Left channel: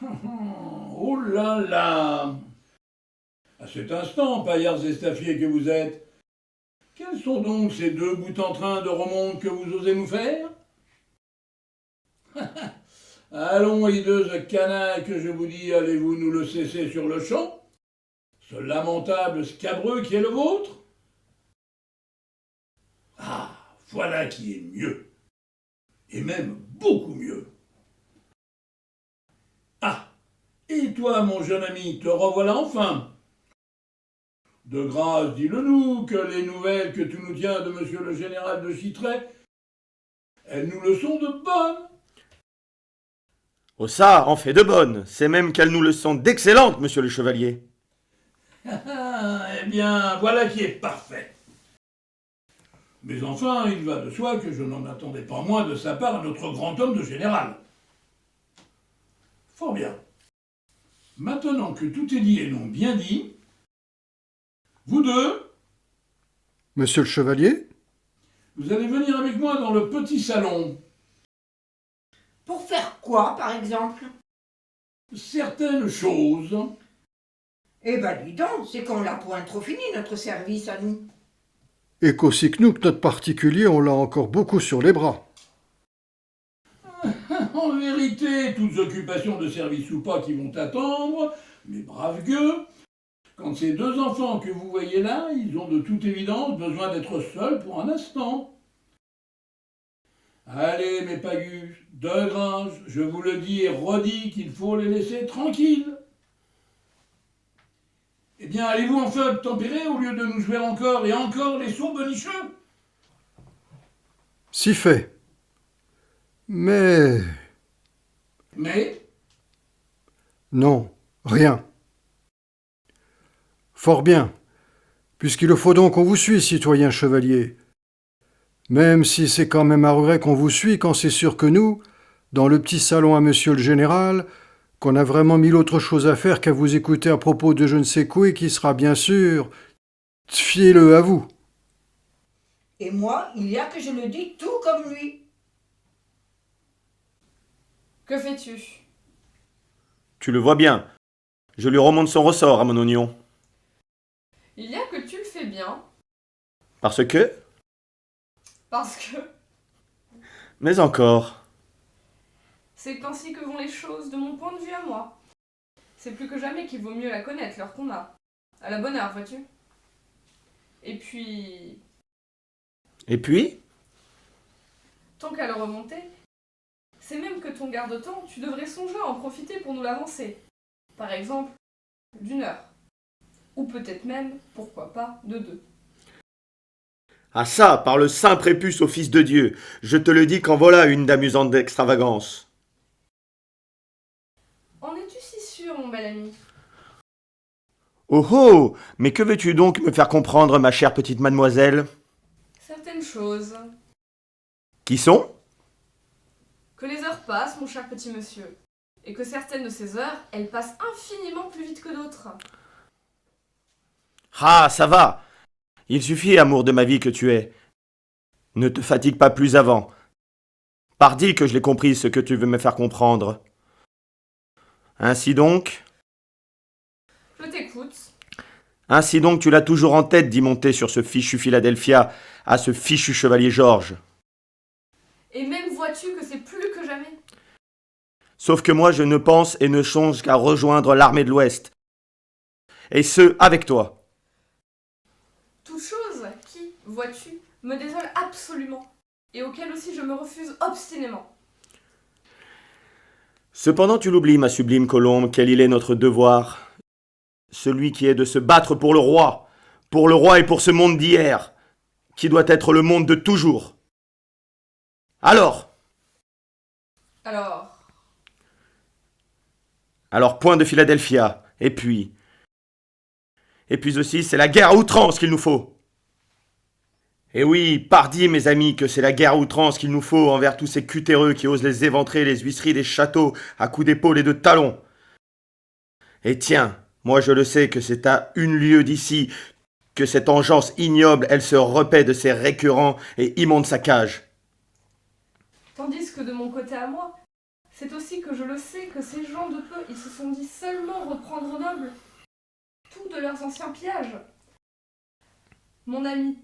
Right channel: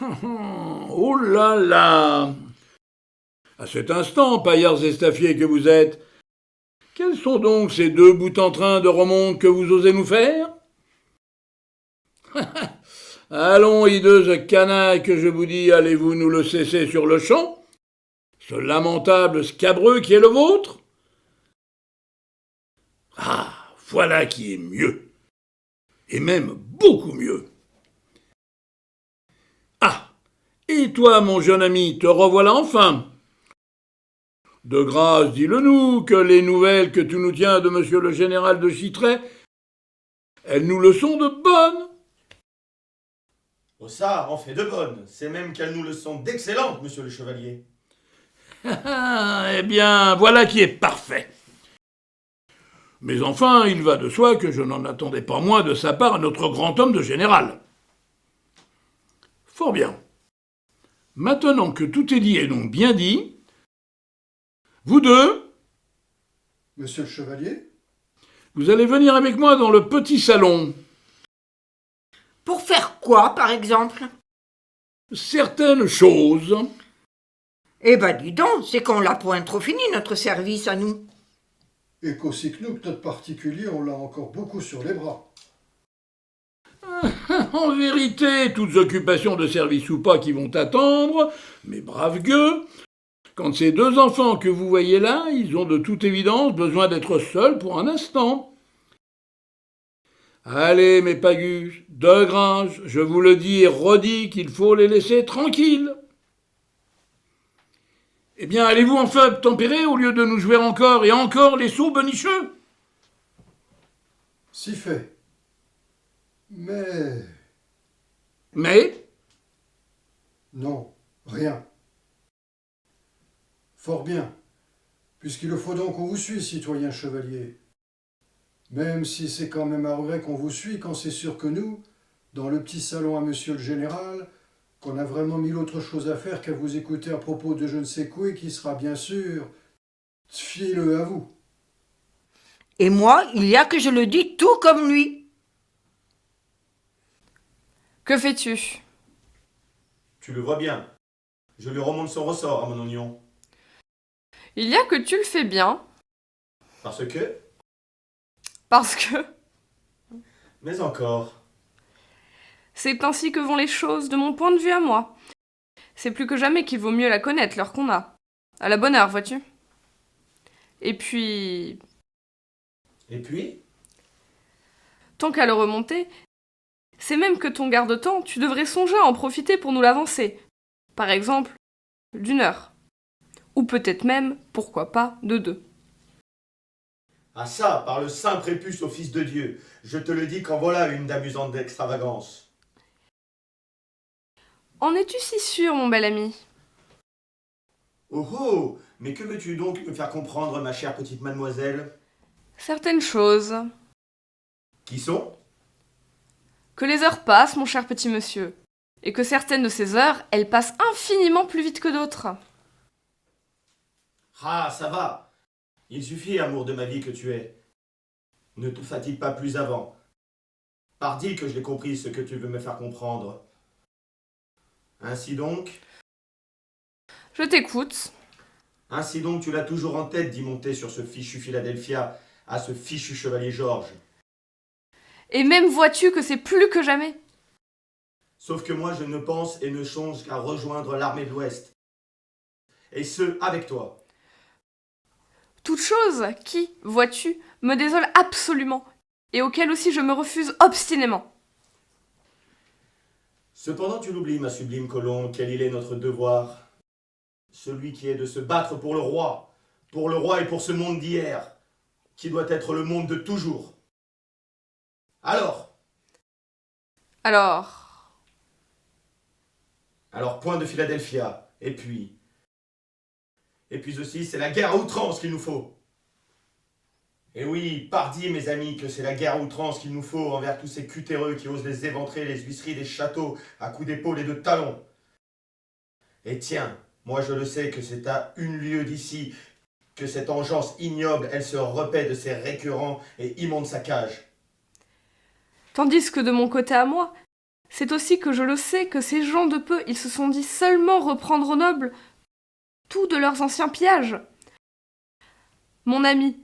Oh là là! À cet instant, paillards estafiers que vous êtes, quels sont donc ces deux bouts en train de remonte que vous osez nous faire? Allons, hideuse canaille, que je vous dis, allez-vous nous le cesser sur le champ? Ce lamentable scabreux qui est le vôtre? Ah, voilà qui est mieux, et même beaucoup mieux. Ah, et toi, mon jeune ami, te revoilà enfin. De grâce, dis-le-nous, que les nouvelles que tu nous tiens de monsieur le général de Chitray, elles nous le sont de bonnes. Oh ça, en fait de bonnes. C'est même qu'elles nous le sont d'excellentes, monsieur le chevalier. Ah, eh bien, voilà qui est parfait. Mais enfin, il va de soi que je n'en attendais pas moins de sa part à notre grand homme de général. Fort bien. Maintenant que tout est dit et donc bien dit, vous deux, Monsieur le chevalier? vous allez venir avec moi dans le petit salon. Pour faire quoi, par exemple? Certaines choses. Eh ben dis donc, c'est qu'on l'a point trop fini, notre service à nous. Et qu'aussi que nous, que notre particulier, on l'a encore beaucoup sur les bras. En vérité, toutes occupations de service ou pas qui vont attendre, mes braves gueux, quand ces deux enfants que vous voyez là, ils ont de toute évidence besoin d'être seuls pour un instant. Allez, mes pagus, de Gringe, je vous le dis et redis qu'il faut les laisser tranquilles. Eh bien, allez-vous enfin obtempérer au lieu de nous jouer encore et encore les sourds bonicheux? Si fait. Mais... Mais, non, rien. Fort bien, puisqu'il faut donc qu'on vous suit, citoyen chevalier. Même si c'est quand même à regret qu'on vous suit quand c'est sûr que nous, dans le petit salon à monsieur le général, qu'on a vraiment mille autres choses à faire qu'à vous écouter à propos de je ne sais quoi et qui sera bien sûr, fiez-le à vous. Et moi, il y a que je le dis tout comme lui. Que fais-tu? Tu le vois bien. Je lui remonte son ressort à mon oignon. Il y a que tu le fais bien, Parce que... parce que Mais encore... c'est ainsi que vont les choses de mon point de vue à moi. C'est plus que jamais qu'il vaut mieux la connaître, l'heure qu'on a. À la bonne heure, vois-tu? Et puis, Et puis? tant qu'à le remonter, c'est même que ton garde-temps, tu devrais songer à en profiter pour nous l'avancer. Par exemple, d'une heure. Ou peut-être même, pourquoi pas, de 2. Ah ça, par le saint prépuce au Fils de Dieu, je te le dis qu'en voilà une d'amusante extravagance. En es-tu si sûr, mon bel ami? Oh oh! Mais que veux-tu donc me faire comprendre, ma chère petite mademoiselle? Certaines choses. Qui sont? Que les heures passent, mon cher petit monsieur. Et que certaines de ces heures, elles passent infiniment plus vite que d'autres. Ah, ça va! Il suffit, amour de ma vie que tu es. Ne te fatigue pas plus avant. Pardi que je l'ai compris ce que tu veux me faire comprendre. Ainsi donc... Je t'écoute. Ainsi donc tu l'as toujours en tête d'y monter sur ce fichu Philadelphia à ce fichu chevalier Georges. Et même vois-tu que c'est plus que jamais. Sauf que moi je ne pense et ne songe qu'à rejoindre l'armée de l'Ouest. Et ce, avec toi. Toute chose qui, vois-tu, me désole absolument, et auquel aussi je me refuse obstinément. Cependant tu l'oublies, ma sublime Colombe, quel il est notre devoir. Celui qui est de se battre pour le roi et pour ce monde d'hier, qui doit être le monde de toujours. Alors point de Philadelphia, et puis aussi c'est la guerre à outrance qu'il nous faut. Et oui, pardi mes amis, que c'est la guerre à outrance qu'il nous faut envers tous ces cutéreux qui osent les éventrer les huisseries des châteaux à coups d'épaule et de talons. Et tiens, moi je le sais que c'est à une lieue d'ici que cette engeance ignoble, elle se repaît de ses récurrents et immondes saccages. Tandis que de mon côté à moi, c'est aussi que je le sais que ces gens de peu, ils se sont dit seulement reprendre aux nobles tout de leurs anciens pillages. Mon ami,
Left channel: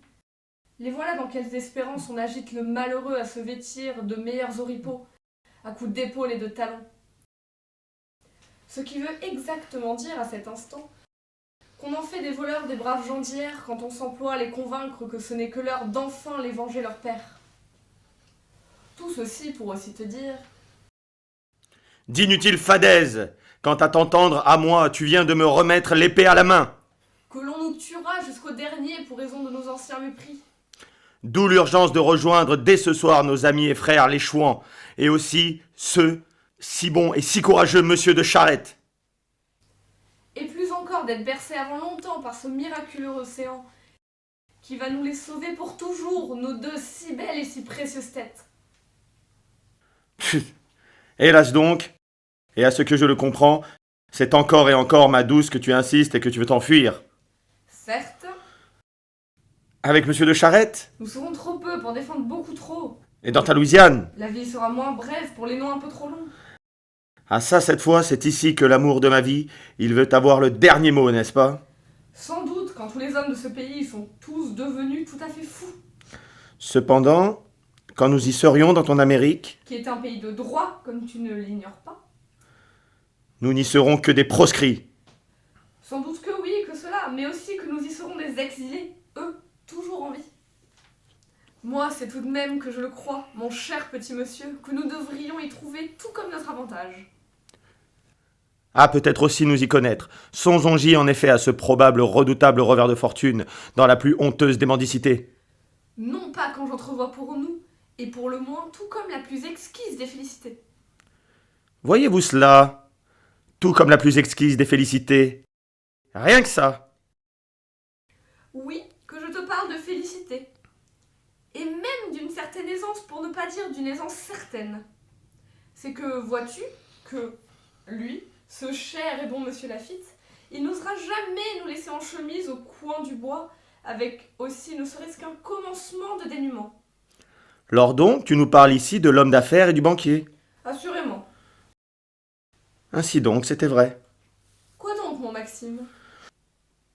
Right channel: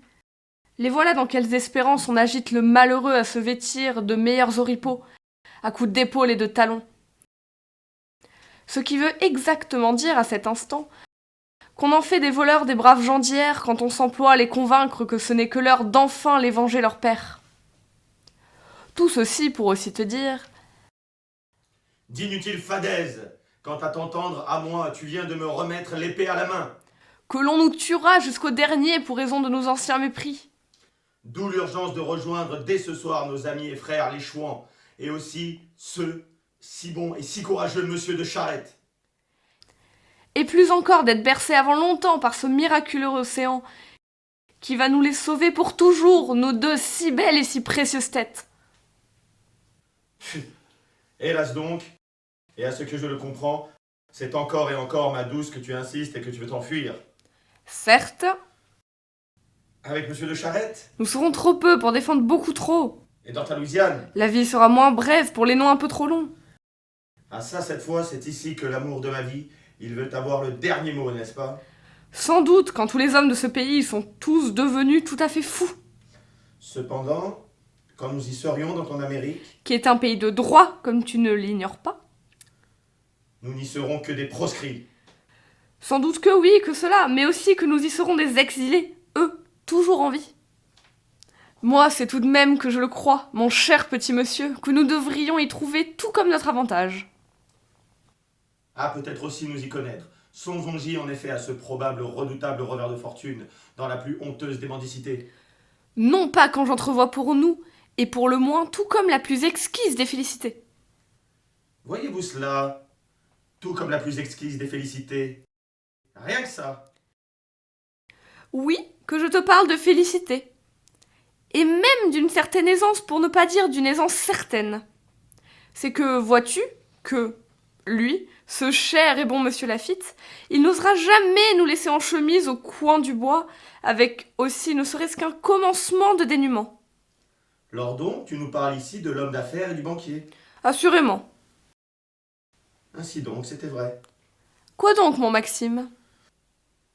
les voilà dans quelles espérances on agite le malheureux à se vêtir de meilleurs oripeaux, à coups d'épaules et de talons. Ce qui veut exactement dire à cet instant qu'on en fait des voleurs des braves gens d'hier quand on s'emploie à les convaincre que ce n'est que l'heure d'enfin les venger leur père. Tout ceci pour aussi te dire... D'inutiles fadaises! Quant à t'entendre, à moi, tu viens de me remettre l'épée à la main. Que l'on nous tuera jusqu'au dernier pour raison de nos anciens mépris. D'où l'urgence de rejoindre dès ce soir nos amis et frères les Chouans, et aussi ce si bon et si courageux monsieur de Charette. Et plus encore d'être bercés avant longtemps par ce miraculeux océan qui va nous les sauver pour toujours, nos deux si belles et si précieuses têtes. Hélas donc, et à ce que je le comprends, c'est encore et encore, ma douce, que tu insistes et que tu veux t'enfuir. Certes, Avec monsieur de Charette? nous serons trop peu pour défendre beaucoup trop. Et dans ta Louisiane? La vie sera moins brève pour les noms un peu trop longs. Ah ça, cette fois, c'est ici que l'amour de ma vie, il veut avoir le dernier mot, n'est-ce pas? Sans doute, quand tous les hommes de ce pays sont tous devenus tout à fait fous, Cependant, quand nous y serions dans ton Amérique, qui est un pays de droit, comme tu ne l'ignores pas. nous n'y serons que des proscrits. Sans doute que oui, que cela, mais aussi que nous y serons des exilés, eux, toujours en vie. Moi, c'est tout de même que je le crois, mon cher petit monsieur, que nous devrions y trouver tout comme notre avantage. Ah, peut-être aussi nous y connaître. Songeons-y en effet à ce probable redoutable revers de fortune, dans la plus honteuse des mendicités. Non pas quand j'entrevois pour nous, et pour le moins tout comme la plus exquise des félicités. Voyez-vous cela? Tout comme la plus exquise des félicités. Rien que ça. Oui, que je te parle de félicité. Et même d'une certaine aisance, pour ne pas dire d'une aisance certaine. C'est que, vois-tu, que, lui, ce cher et bon monsieur Laffitte, il n'osera jamais nous laisser en chemise au coin du bois, avec aussi ne serait-ce qu'un commencement de dénuement. Lors donc, tu nous parles ici de l'homme d'affaires et du banquier. Assurément. Ainsi donc, c'était vrai. Quoi donc, mon Maxime?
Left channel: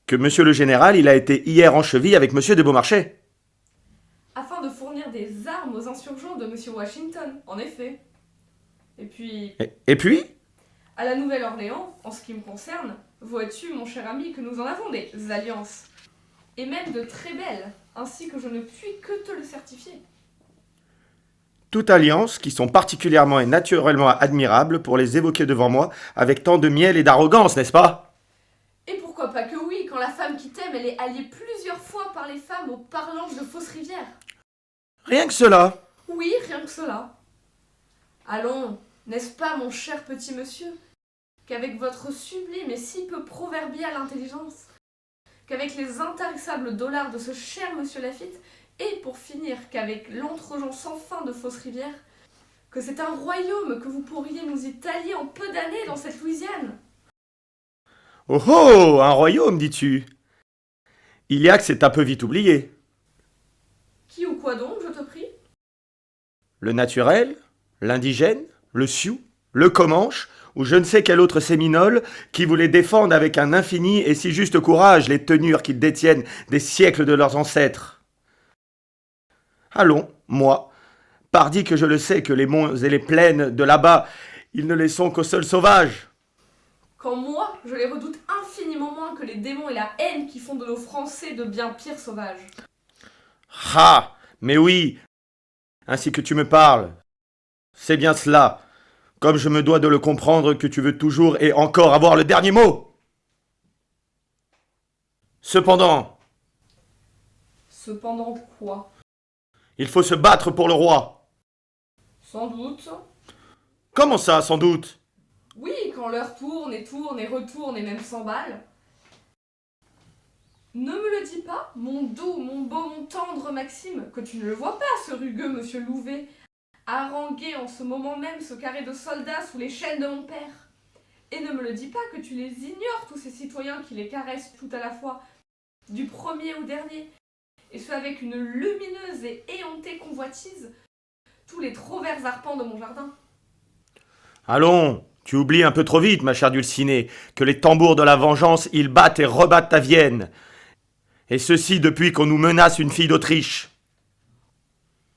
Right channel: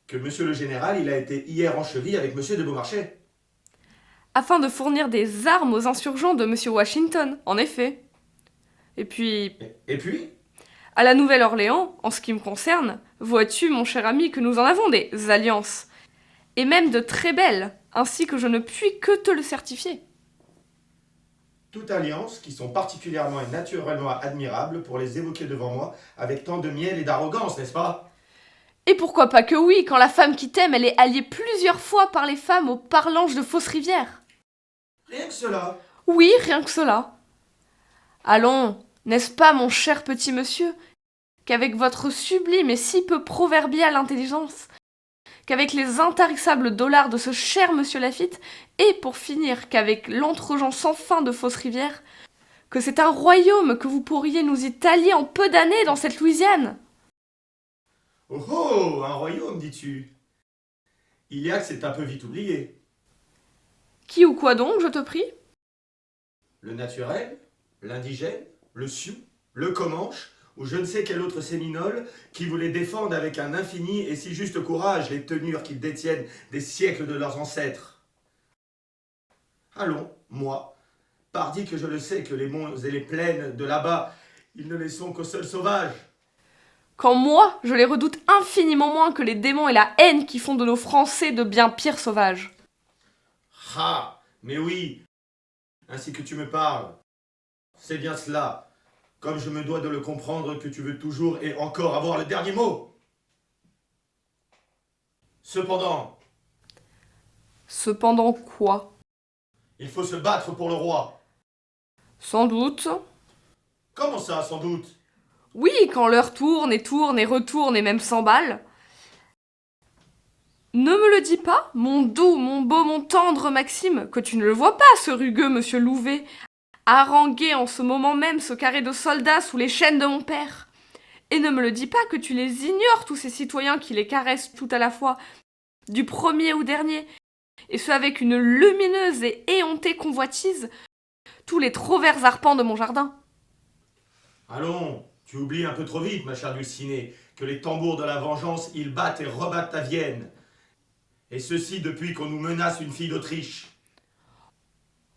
Que monsieur le général, il a été hier en cheville avec monsieur de Beaumarchais. Afin de fournir des armes aux insurgents de monsieur Washington, en effet. Et puis, Et puis? à la Nouvelle-Orléans, en ce qui me concerne, vois-tu, mon cher ami, que nous en avons des alliances. Et même de très belles, ainsi que je ne puis que te le certifier. Toute alliance qui sont particulièrement et naturellement admirables pour les évoquer devant moi avec tant de miel et d'arrogance, n'est-ce pas? Et pourquoi pas que oui, quand la femme qui t'aime, elle est alliée plusieurs fois par les femmes aux parlanges de Fausse-Rivière. Rien que cela. Oui, rien que cela. Allons, n'est-ce pas, mon cher petit monsieur, qu'avec votre sublime et si peu proverbiale intelligence, qu'avec les intarissables dollars de ce cher monsieur Laffitte, et pour finir qu'avec l'entregent sans fin de Fausse-Rivière, que c'est un royaume que vous pourriez nous y tailler en peu d'années dans cette Louisiane. Oh oh, un royaume, dis-tu? Il y a que c'est un peu vite oublié. Qui ou quoi donc, je te prie? Le naturel, l'indigène, le sioux, le comanche, ou je ne sais quel autre séminole qui voulait défendre avec un infini et si juste courage les tenures qu'ils détiennent des siècles de leurs ancêtres. Allons, moi, pardi que je le sais que les monts et les plaines de là-bas, ils ne les sont qu'aux seuls sauvages. Quand moi, je les redoute infiniment moins que les démons et la haine qui font de nos Français de bien pires sauvages. Ah, mais oui, ainsi que tu me parles. C'est bien cela, comme je me dois de le comprendre que tu veux toujours et encore avoir le dernier mot. Cependant, Cependant quoi? il faut se battre pour le roi. Sans doute. Comment ça, sans doute? Oui, quand l'heure tourne et tourne et retourne et même s'emballe. Ne me le dis pas, mon doux, mon beau, mon tendre Maxime, que tu ne le vois pas, ce rugueux monsieur Louvet, haranguer en ce moment même ce carré de soldats sous les chaînes de mon père. Et ne me le dis pas que tu les ignores, tous ces citoyens qui les caressent tout à la fois, du premier au dernier, et ce avec une lumineuse et éhontée convoitise, tous les trop verts arpents de mon jardin. Allons, tu oublies un peu trop vite, ma chère Dulcinée, que les tambours de la vengeance, ils battent et rebattent à Vienne. Et ceci depuis qu'on nous menace une fille d'Autriche.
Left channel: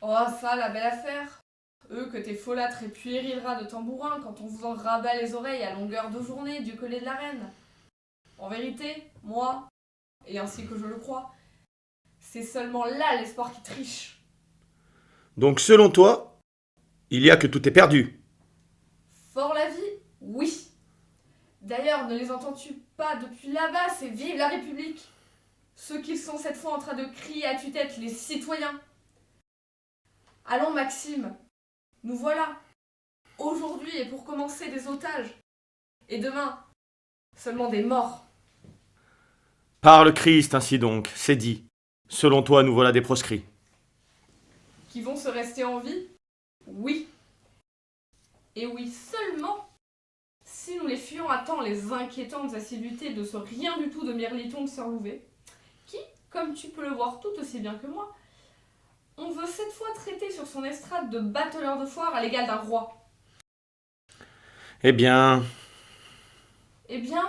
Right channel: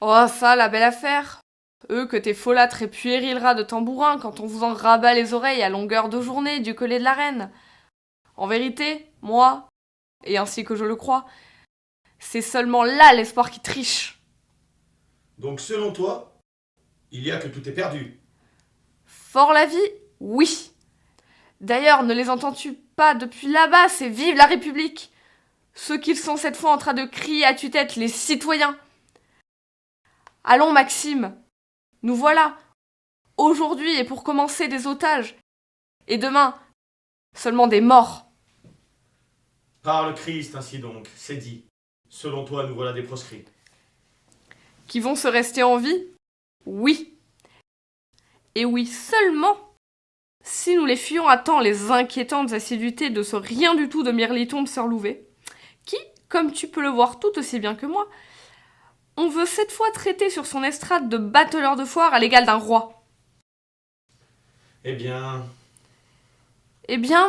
Oh, ça, la belle affaire. Eux que tes folâtres et puérils rats de tambourin quand on vous en rabat les oreilles à longueur de journée du collet de la reine. En vérité, moi, et ainsi que je le crois, c'est seulement là l'espoir qui triche. Donc selon toi, il y a que tout est perdu. Fort la vie, oui. D'ailleurs, ne les entends-tu pas depuis là-bas, c'est vive la République. Ceux qu'ils sont cette fois en train de crier à tue-tête, les citoyens. Allons, Maxime, nous voilà. Aujourd'hui est pour commencer des otages. Et demain, seulement des morts. Par le Christ, ainsi donc, c'est dit. Selon toi, nous voilà des proscrits. Qui vont se rester en vie? Oui. Et oui seulement si nous les fuyons à temps les inquiétantes assiduités de ce rien du tout de Mirliton de Sœur Louvet, qui, comme tu peux le voir tout aussi bien que moi, on veut cette fois traiter sur son estrade de bateleur de foire à l'égal d'un roi. Eh bien,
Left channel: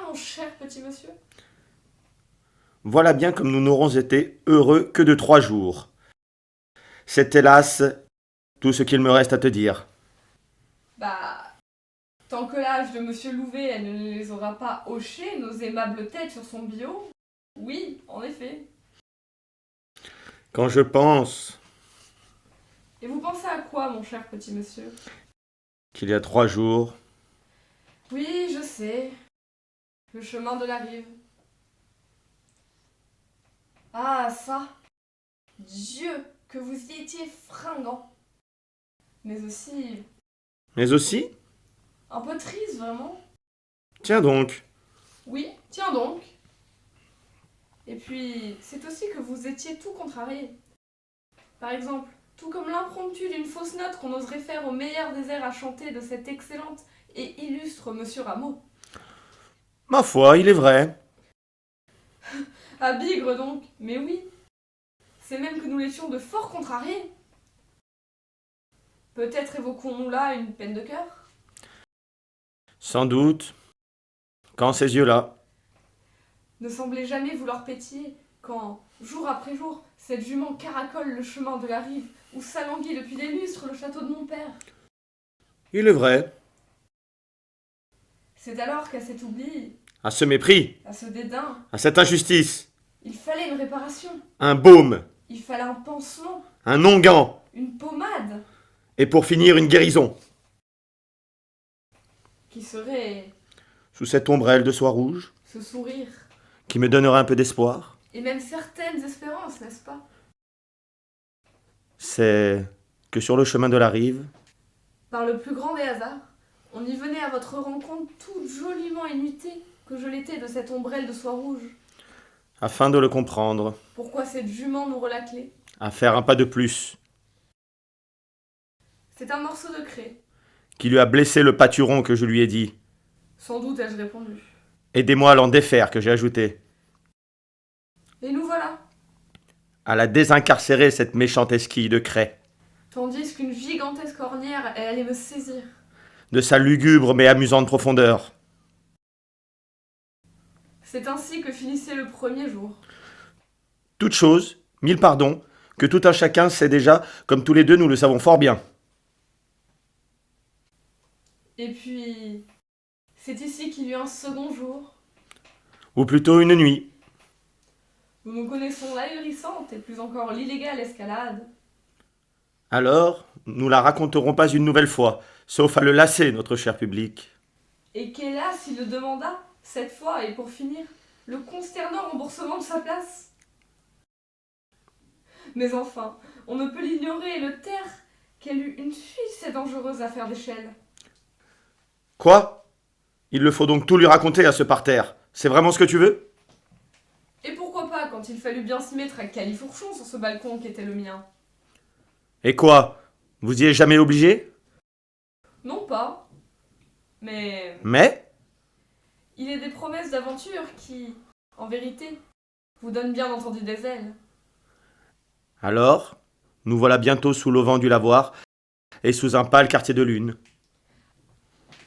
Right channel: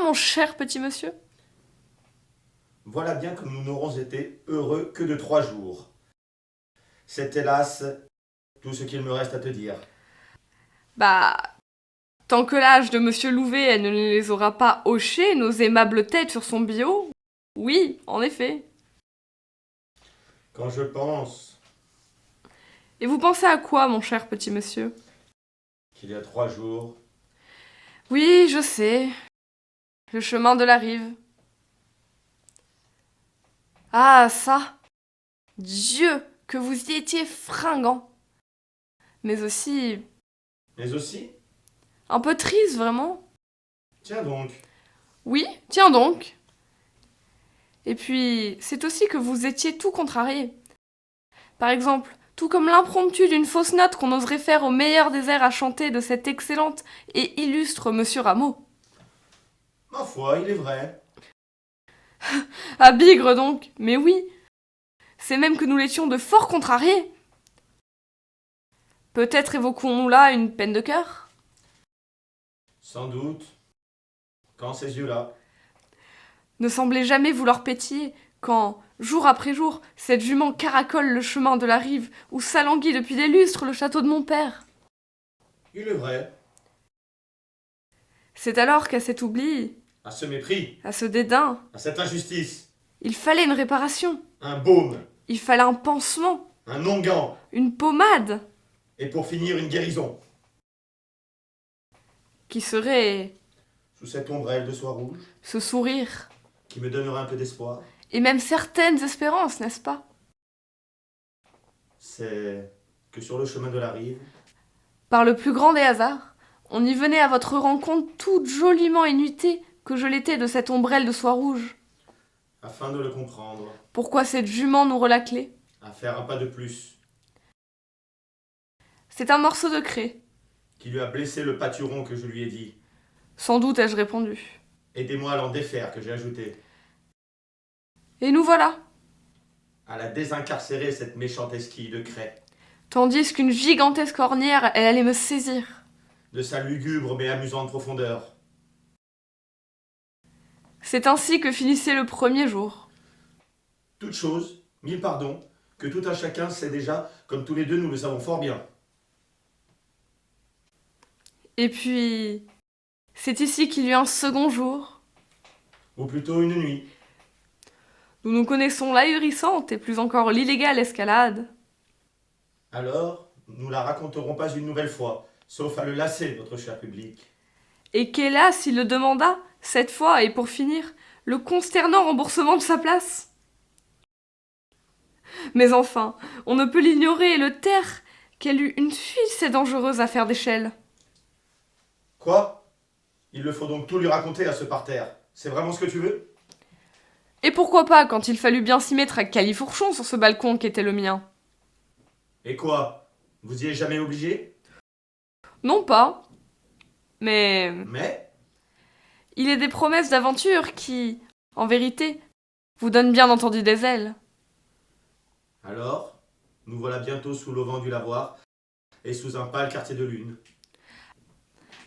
Mon cher petit monsieur, voilà bien comme nous n'aurons été heureux que de 3 jours. C'est hélas tout ce qu'il me reste à te dire. tant que l'âge de monsieur Louvet elle ne les aura pas hochés, nos aimables têtes sur son bio, oui, en effet. Quand je pense Et vous pensez à quoi, mon cher petit monsieur? qu'il y a 3 jours, Oui, je sais. Le chemin de la rive. Ah, ça! Dieu, que vous y étiez fringant! Mais aussi mais aussi, un peu triste, vraiment. tiens donc, Oui, tiens donc! Et puis, c'est aussi que vous étiez tout contrarié. Par exemple, tout comme l'impromptu d'une fausse note qu'on oserait faire au meilleur des airs à chanter de cet excellente et illustre monsieur Rameau. ma foi, il est vrai. Ah, bigre donc! Mais oui! C'est même que nous l'étions de fort contrariés. Peut-être évoquons-nous là une peine de cœur? Sans doute, quand ces yeux-là, Ne semblait jamais vouloir pétiller quand, jour après jour, cette jument caracole le chemin de la rive où s'alanguit depuis des lustres le château de mon père. il est vrai, C'est alors qu'à cet oubli, à ce mépris, à ce dédain, à cette injustice, il fallait une réparation, un baume, il fallait un pansement, un onguent, une pommade, et pour finir une guérison. qui serait Sous cette ombrelle de soie rouge, ce sourire, qui me donnera un peu d'espoir, et même certaines espérances, n'est-ce pas? c'est que sur le chemin de la rive, Par le plus grand des hasards, on y venait à votre rencontre toute joliment inuitée que je l'étais de cette ombrelle de soie rouge. afin de le comprendre, Pourquoi cette jument nous relâclait? à faire un pas de plus, C'est un morceau de craie. qui lui a blessé le pâturon que je lui ai dit. Sans doute ai-je répondu. Aidez-moi à l'en défaire, que j'ai ajouté. Et nous voilà. À la désincarcérer, cette méchante esquille de craie, Tandis qu'une gigantesque ornière, elle allait me saisir. de sa lugubre mais amusante profondeur. C'est ainsi que finissait le premier jour. Toute chose, 1000 pardons, que tout un chacun sait déjà, comme tous les deux nous le savons fort bien. Et puis, c'est ici qu'il y eut un second jour. Ou plutôt une nuit. Nous nous connaissons l'ahurissante et plus encore l'illégale escalade. Alors, nous la raconterons pas une nouvelle fois, sauf à le lasser, notre cher public. Et qu'hélas, il le demanda, cette fois, et pour finir, le consternant remboursement de sa place. Mais enfin, on ne peut l'ignorer et le taire qu'elle eut une suisse et dangereuse affaire d'échelle. Quoi? Il le faut donc tout lui raconter à ce parterre. C'est vraiment ce que tu veux? Et pourquoi pas quand il fallut bien s'y mettre à califourchon sur ce balcon qui était le mien? Et quoi? Vous y êtes jamais obligé? Non pas. Mais Mais? il est des promesses d'aventure qui, en vérité, vous donnent bien entendu des ailes. Alors, nous voilà bientôt sous l'auvent du lavoir et sous un pâle quartier de lune.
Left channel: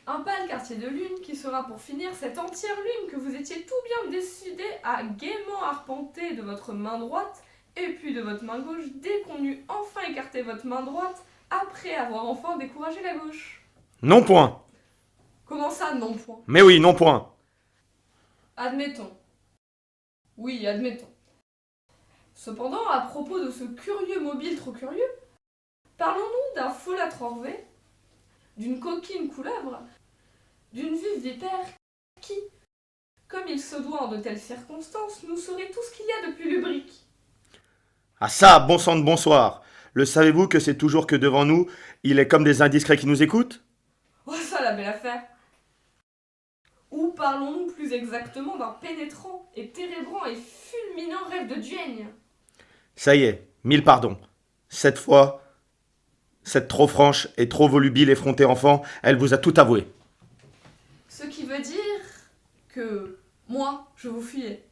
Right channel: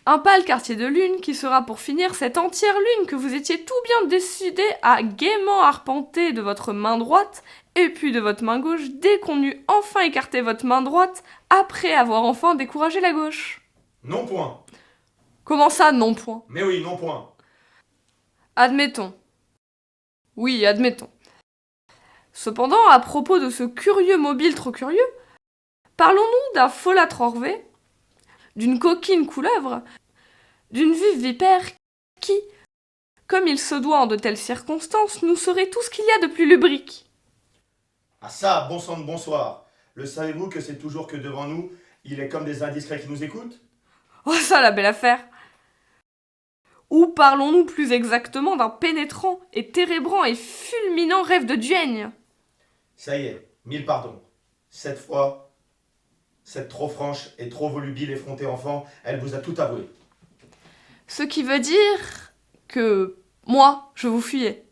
Un pâle quartier de lune qui sera pour finir cette entière lune que vous étiez tout bien décidé à gaiement arpenter de votre main droite et puis de votre main gauche dès qu'on eut enfin écarté votre main droite après avoir enfin découragé la gauche. Non point. Comment ça, non point? Mais oui, non point. Admettons. Oui, admettons. Cependant, à propos de ce curieux mobile trop curieux, parlons-nous d'un folâtre orvé, d'une coquine couleuvre, d'une vive vipère qui, comme il se doit en de telles circonstances, nous saurait tout ce qu'il y a de plus lubrique. Ah ça, bon sang de bonsoir. Le savez-vous que c'est toujours que devant nous, il est comme des indiscrets qui nous écoutent? Oh ça, la belle affaire! Ou parlons-nous plus exactement d'un pénétrant et térébrant et fulminant rêve de duègne? Ça y est, 1000 pardons. Cette fois, cette trop franche et trop volubile effrontée enfant, elle vous a tout avoué. Ce qui veut dire que moi, je vous fuyais.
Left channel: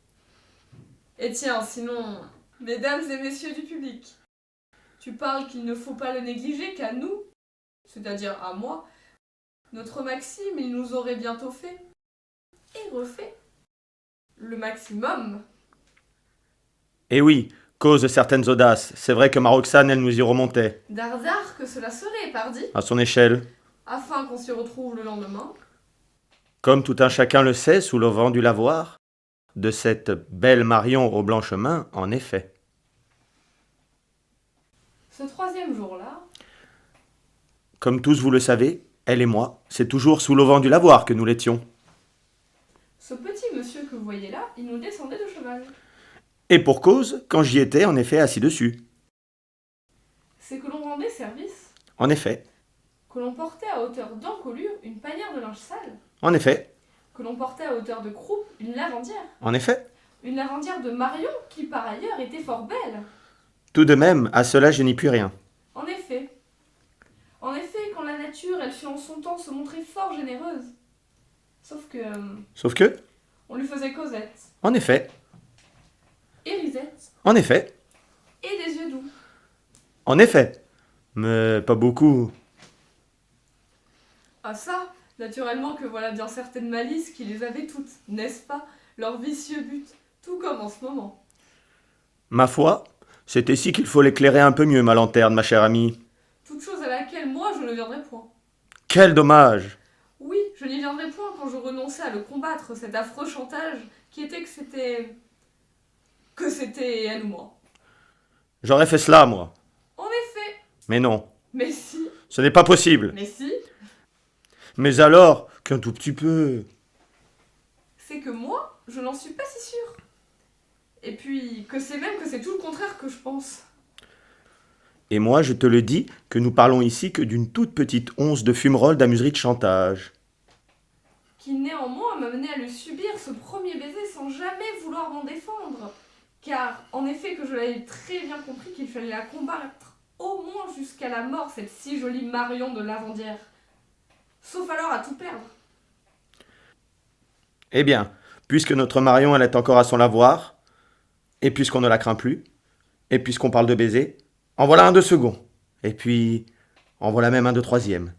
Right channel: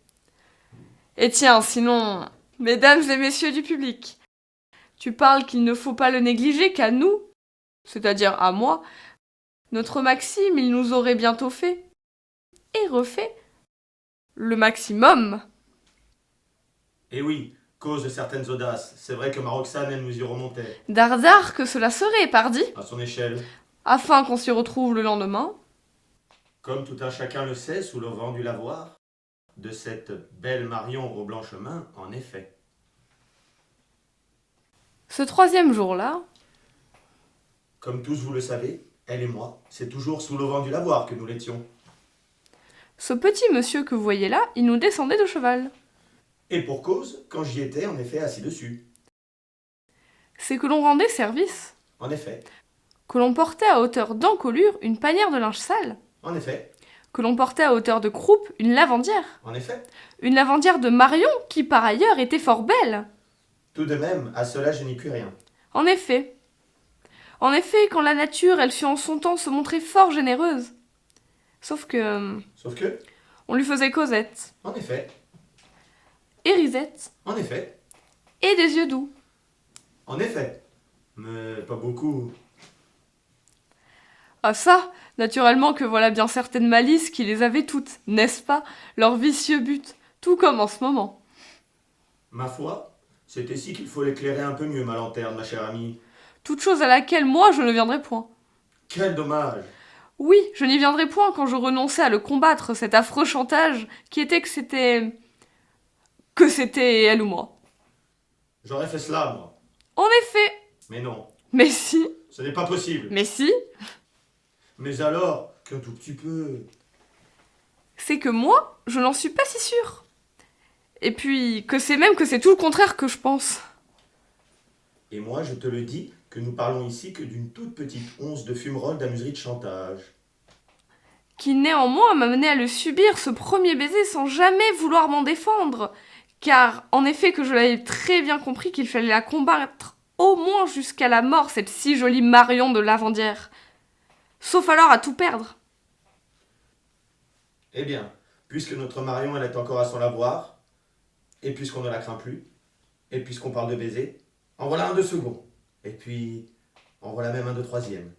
Et tiens, sinon, mesdames et messieurs du public, tu parles qu'il ne faut pas le négliger qu'à nous, c'est-à-dire à moi, notre maxime, il nous aurait bientôt fait, et refait, le maximum. Eh oui, cause de certaines audaces, c'est vrai que ma Roxane, elle nous y remontait, Dardard que cela serait, pardi, à son échelle. afin qu'on s'y retrouve le lendemain. Comme tout un chacun le sait, sous le vent du lavoir, de cette belle Marion aux blanches mains, en effet. Ce troisième jour-là, Comme tous vous le savez, elle et moi, c'est toujours sous le vent du lavoir que nous l'étions. ce petit monsieur que vous voyez là, il nous descendait de cheval. Et pour cause, quand j'y étais, en effet, assis dessus. C'est que l'on rendait service, En effet, que l'on portait à hauteur d'encolure une panière de linge sale, en effet, que l'on portait à hauteur de croupe une lavandière. en effet. Une lavandière de Marion qui, par ailleurs, était fort belle. Tout de même, à cela je n'y puis rien. En effet, quand la nature, elle sut en son temps se montrer fort généreuse. Sauf que, Sauf que, on lui faisait Cosette, en effet, et Risette, en effet, et des yeux doux. en effet, mais pas beaucoup. Ah ça, naturellement que voilà bien certaines malices qui les avaient toutes, n'est-ce pas, leur vicieux but, tout comme en ce moment. Ma foi, c'est ici qu'il faut l'éclairer un peu mieux, ma lanterne, ma chère amie. Toute chose à laquelle moi je ne viendrai point. Quel dommage! Oui, je n'y viendrai point quand je renonçais à le combattre, cet affreux chantage qui était que c'était... que c'était elle ou moi. J'aurais fait cela, moi. En effet, Mais non, mais si, ce n'est pas possible. mais si, Mais alors, qu'un tout petit peu... c'est que moi, je n'en suis pas si sûre. Et puis, que c'est tout le contraire que je pense. Et moi, je te le dis, que nous parlons ici que d'une toute petite once de fumerolles d'amuserie de chantage. Qui néanmoins m'a mené à le subir, ce premier baiser, sans jamais vouloir m'en défendre. Car, en effet, que je l'avais très bien compris qu'il fallait la combattre au moins jusqu'à la mort, cette si jolie Marion de Lavandière. Sauf alors à tout perdre. Eh bien, puisque notre Marion, elle est encore à son lavoir, et puisqu'on ne la craint plus, et puisqu'on parle de baiser, en voilà un de second, et puis en voilà même un de troisième.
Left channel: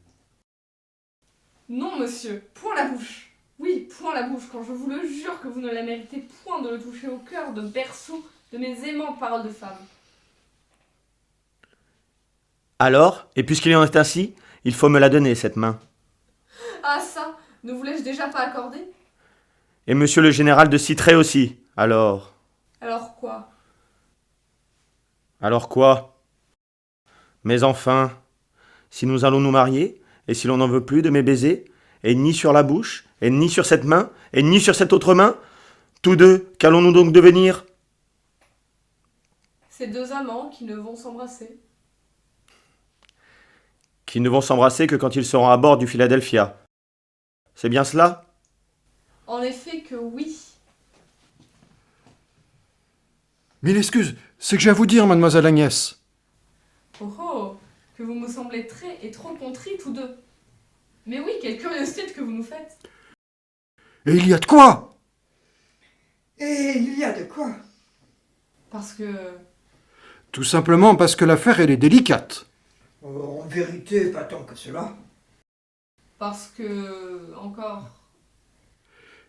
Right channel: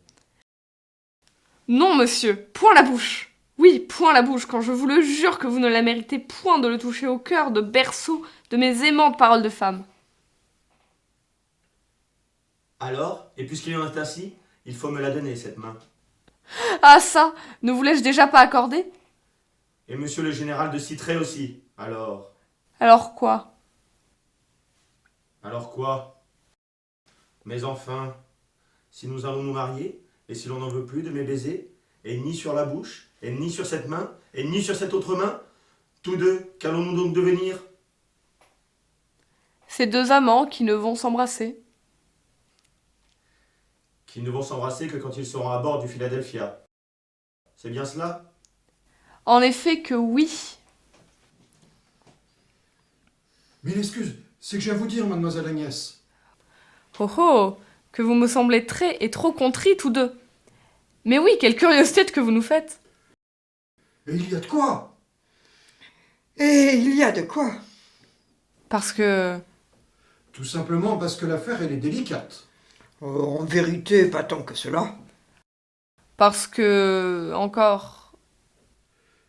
Non, monsieur, point la bouche. Oui, point la bouche, quand je vous le jure que vous ne la méritez point de le toucher au cœur de berceau de mes aimantes paroles de femme. Alors, et puisqu'il en est ainsi, il faut me la donner, cette main. Ah ça, ne vous l'ai-je déjà pas accordé? Et monsieur le général de Citré aussi, alors... Alors quoi? Alors quoi? Mais enfin, si nous allons nous marier, et si l'on n'en veut plus de mes baisers, et ni sur la bouche, et ni sur cette main, et ni sur cette autre main, tous deux, qu'allons-nous donc devenir? Ces deux amants qui ne vont s'embrasser. Qui ne vont s'embrasser que quand ils seront à bord du Philadelphia. C'est bien cela? En effet que oui. Mille excuses, c'est que j'ai à vous dire, mademoiselle Agnès. Oh oh, que vous me semblez très et trop contrits tous deux. Mais oui, quelle curiosité que vous nous faites. Et il y a de quoi? Et il y a de quoi? Parce que... Tout simplement parce que l'affaire, elle est délicate. Oh, en vérité, pas tant que cela. Parce que, encore...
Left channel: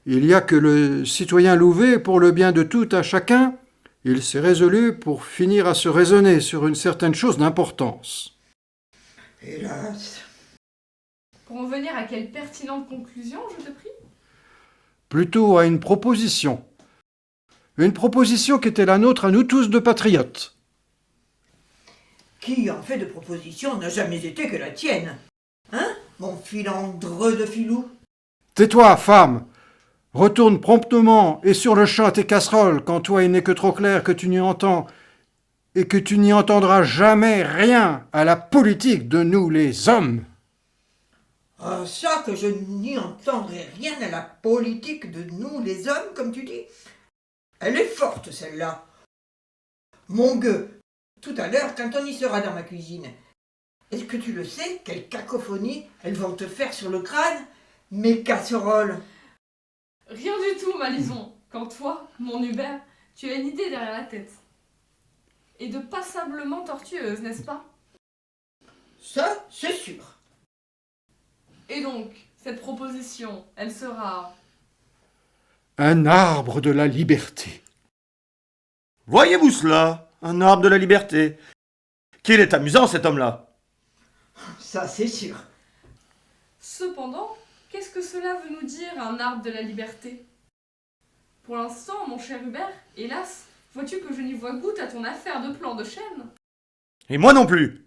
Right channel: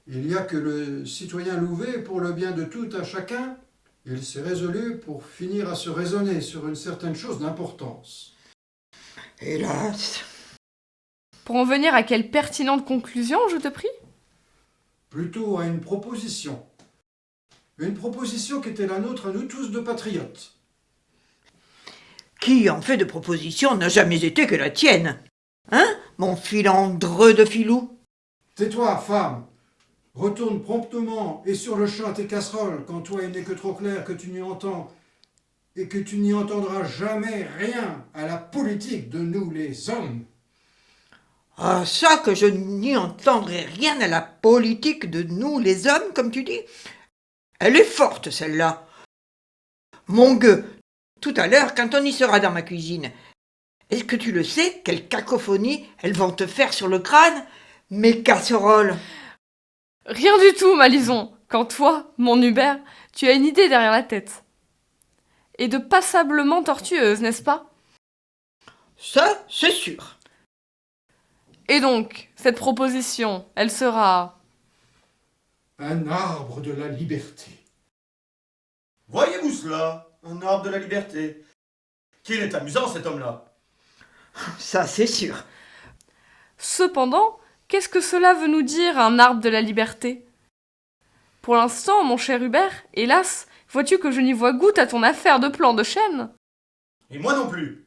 Il y a que le citoyen Louvet pour le bien de tout à chacun. Il s'est résolu pour finir à se raisonner sur une certaine chose d'importance. Hélas. Pour en venir à quelle pertinente conclusion, je te prie? Plutôt à une proposition. Une proposition qui était la nôtre à nous tous de patriotes. Qui, en fait de proposition, n'a jamais été que la tienne? Hein, mon filandreux de filou? Tais-toi, femme. Retourne promptement et sur le champ à tes casseroles, quand toi il n'est que trop clair que tu n'y entends et que tu n'y entendras jamais rien à la politique de nous les hommes. Ah, ça que je n'y entendrai rien à la politique de nous les hommes, comme tu dis. Elle est forte, celle-là. Mon gueux, tout à l'heure, quand on y sera dans ma cuisine, est-ce que tu le sais, quelle cacophonie elles vont te faire sur le crâne, mes casseroles? Rien du tout, Malison, quand toi, mon Hubert, tu as une idée derrière la tête. Et de passablement tortueuse, n'est-ce pas? Ça, c'est sûr. Et donc, cette proposition, elle sera... Un arbre de la liberté. Voyez-vous cela? Un arbre de la liberté. Qu'il est amusant, cet homme-là. Ça, c'est sûr. Cependant, qu'est-ce que cela veut nous dire, un arbre de la liberté? Pour l'instant, mon cher Hubert, hélas, vois-tu que je n'y vois goutte à ton affaire de plan de chêne? Et moi non plus.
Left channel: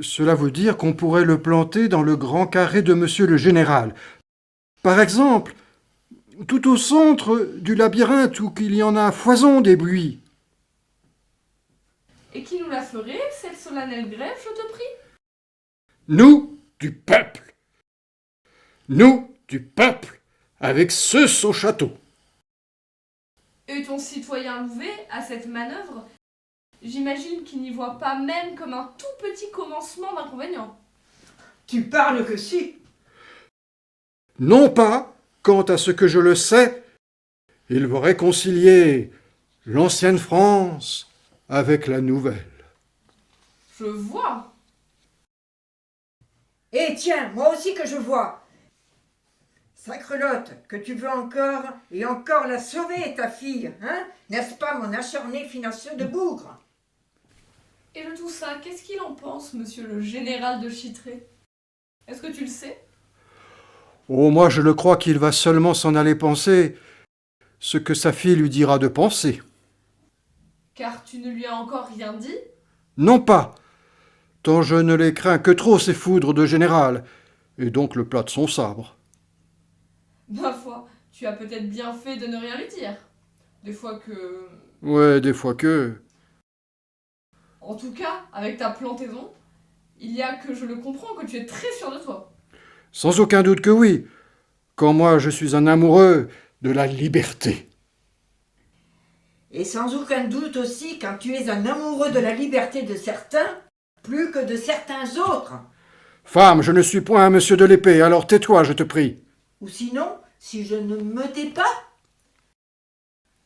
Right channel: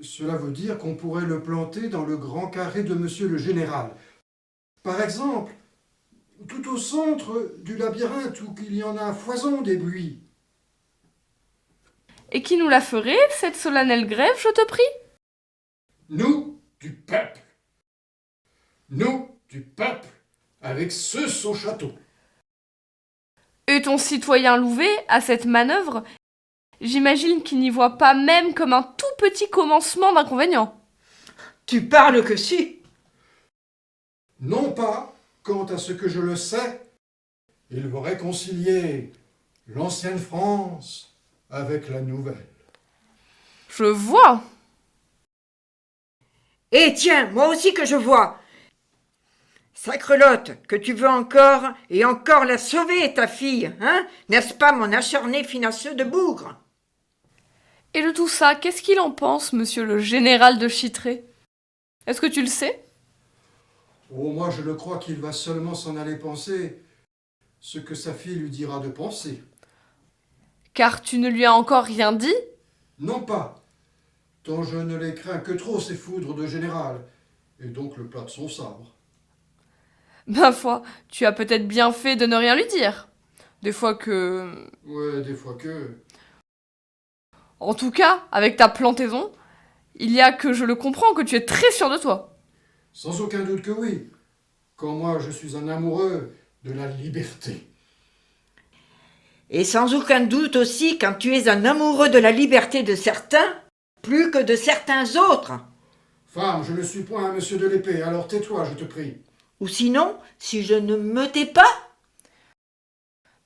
Cela veut dire qu'on pourrait le planter dans le grand carré de monsieur le général. Par exemple, tout au centre du labyrinthe où il y en a foison des buis. Et qui nous la ferait, cette solennelle grève, je te prie? Nous, du peuple. Nous, du peuple, avec ceux au château. Et ton citoyen Louvet, à cette manœuvre, j'imagine qu'il n'y voit pas même comme un tout petit commencement d'inconvénient. Tu parles que si. Non pas, quant à ce que je le sais, il veut réconcilier l'ancienne France avec la nouvelle. Je vois. Eh tiens, moi aussi que je vois. Sacrelotte, que tu veux encore et encore la sauver, ta fille, hein? N'est-ce pas, mon acharné finasseux de bougre? Et de tout ça, qu'est-ce qu'il en pense, monsieur le général de Chitray? Est-ce que tu le sais? Oh, moi je le crois qu'il va seulement s'en aller penser ce que sa fille lui dira de penser. Car tu ne lui as encore rien dit? Non pas, tant je ne les crains que trop ces foudres de général, et donc le plat de son sabre. Ma foi, tu as peut-être bien fait de ne rien lui dire. Des fois que... Ouais, des fois que... En tout cas, avec ta plantaison, il y a que je le comprends que tu es très sûr de toi. Sans aucun doute que oui, quand moi je suis un amoureux de la liberté. Et sans aucun doute aussi quand tu es un amoureux de la liberté de certains, plus que de certains autres. Femme, je ne suis point un monsieur de l'épée, alors tais-toi, je te prie. Ou sinon, si je ne me tais pas,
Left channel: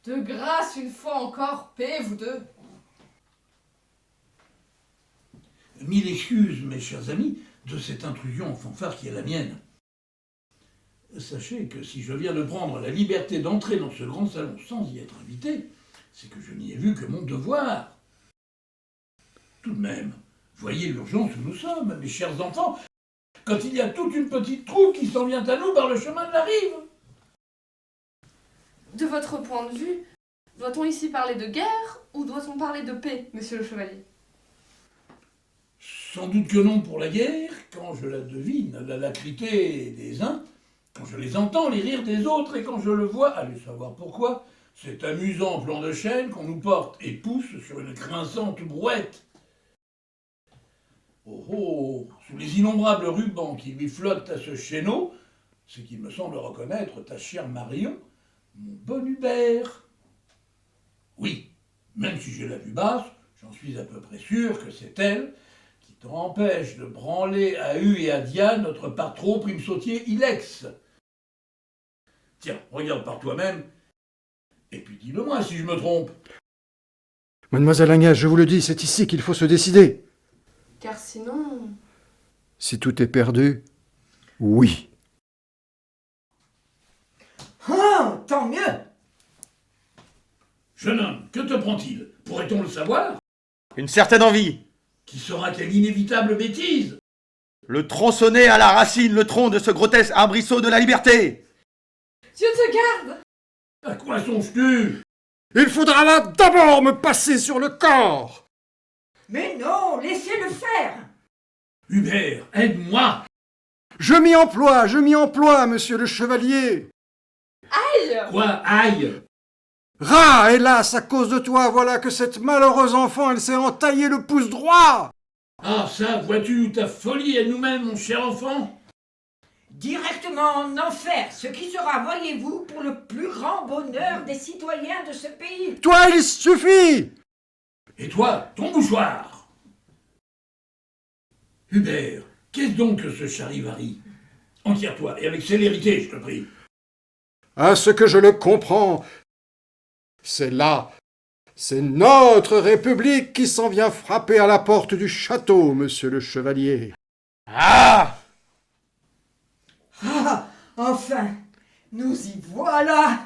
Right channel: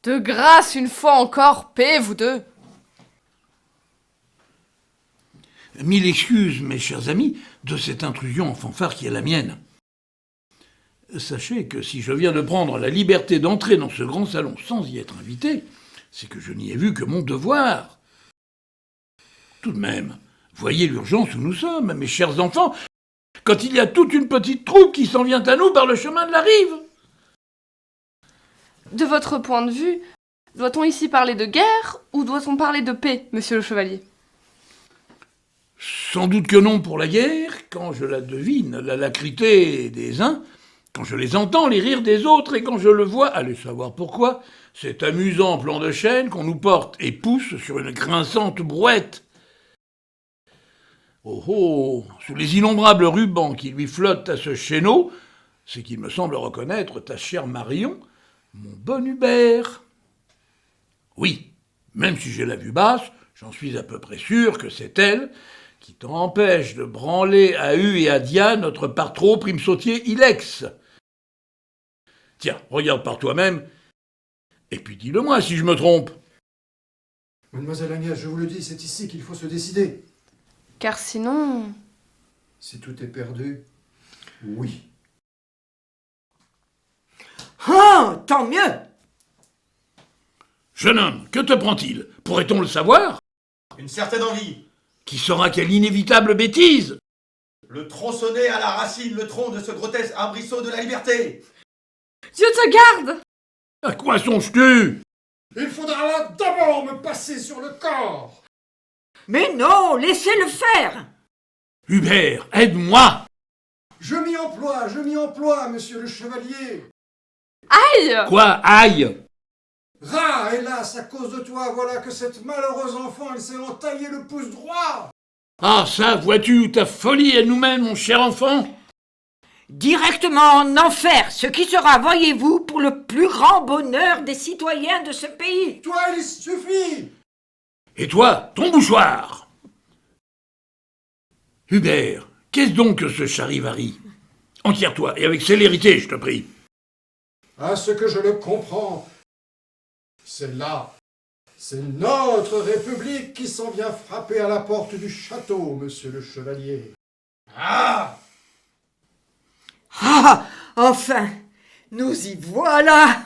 De grâce, une fois encore, paix, vous deux. Mille excuses, mes chers amis, de cette intrusion en fanfare qui est la mienne. Sachez que si je viens de prendre la liberté d'entrer dans ce grand salon sans y être invité, c'est que je n'y ai vu que mon devoir. Tout de même, voyez l'urgence où nous sommes, mes chers enfants, quand il y a toute une petite troupe qui s'en vient à nous par le chemin de la rive. De votre point de vue, doit-on ici parler de guerre ou doit-on parler de paix, monsieur le chevalier? Sans doute que non pour la guerre, quand je la devine, l'alacrité des uns, quand je les entends, les rires des autres, et quand je le vois, allez savoir pourquoi, cet amusant plan de chêne qu'on nous porte et pousse sur une grinçante brouette. Oh oh, sous les innombrables rubans qui lui flottent à ce chéneau, c'est qu'il me semble reconnaître ta chère Marion, mon bon Hubert. Oui, même si j'ai la vue basse, j'en suis à peu près sûr que c'est elle qui t'empêche de branler à U et à Dia notre par trop prime sautier Ilex. Tiens, regarde par toi-même, et puis dis-le-moi si je me trompe. Mademoiselle Agnès, je vous le dis, c'est ici qu'il faut se décider. Car sinon... Si tout est perdu, oui. Ah, tant mieux. Jeune homme, que te prend-il? Pourrait-on le savoir? Une certaine envie. Qui saura quelle inévitable bêtise? Le tronçonner à la racine le tronc de ce grotesque arbrisseau de la liberté. Dieu te garde! À quoi songes-tu? Il faudra d'abord me passer sur le corps. Mais non, laissez-le faire. Hubert, aide-moi! Je m'y emploie, monsieur le chevalier. Aïe! Quoi, aïe? Rat, hélas, à cause de toi, voilà que cette malheureuse enfant, elle s'est entaillé le pouce droit. Ah ça, vois-tu, ta folie est nous-mêmes, mon cher enfant? Directement en enfer, ce qui sera, voyez-vous, pour le plus grand bonheur des citoyens de ce pays. Toi, il suffit. Et toi, ton mouchoir! Hubert, qu'est-ce donc que ce charivari? Enquière-toi, et avec célérité, je te prie. À ce que je le comprends, c'est là, c'est notre République qui s'en vient frapper à la porte du château, monsieur le chevalier. Ah! Ah, enfin, nous y voilà.